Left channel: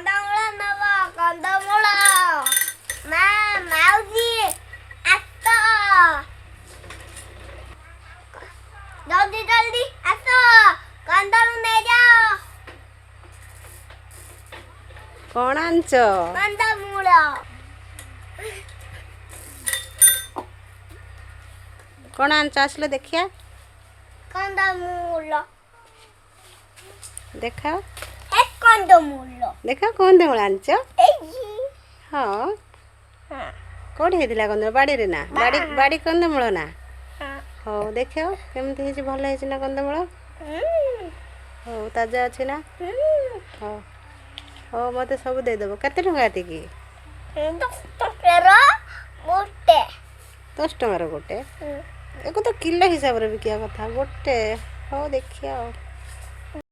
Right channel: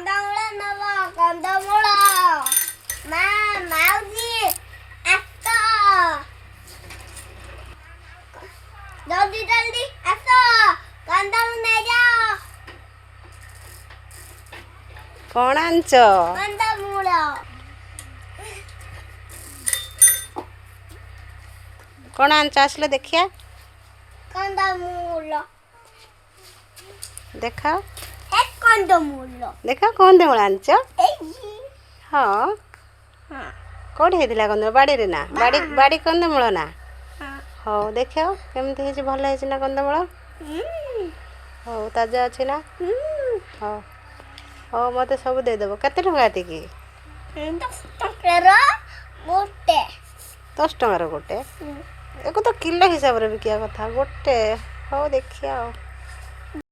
କନ୍ଦମୂଳ ନବ କନ୍ଦମୂଳ ମା ମାଉସୀ ଆସ ଜଲ୍ଦି ଜଲ୍ଦି ଆସ କନ୍ଦମୂଳ ନେଇଯାଅ କ'ଣ ଆଣିଛ? କନ୍ଦମୂଳ କ'ଣ ଆଣିଛ ଆସିଲେ ଦେଖିଆ କନ୍ଦମୂଳ ଦେଖାଅ ଏ କନ୍ଦମୂଳ ଦେଖାଅ କନ୍ଦମୂଳ ଆଣିଛ? ଏଇ ହଁ ହଁ କେଉଁଠି ହେଇଥିଲା କନ୍ଦମୂଳ? ବାଡ଼ିରେ ନା? ବାଡ଼ି କନ୍ଦମୂଳ ନା? ହଁ ହଉ ଦେଖାଅ କେମିତି ହେଇଛି? ଭଲ ହେଇଛି ନା କନ୍ଦମୂଳ? ହଉ ତାଜା ଅଛି ନା? ହଉ ହଉ ମୋତେ ସବୁ ଦେଇଦେବ। କେତେ ଟଙ୍କା ଏତିକି? 10 ଟଙ୍କାର ଗୋଟେ 10 ଟଙ୍କାର ଗୋଟେ? ୟାକୁ ତ କିଲୋ ହିସାବରେ ବିକିବା କଥା। ଗୋଟେ ହଉ ଦେଖିଆ ଆଉ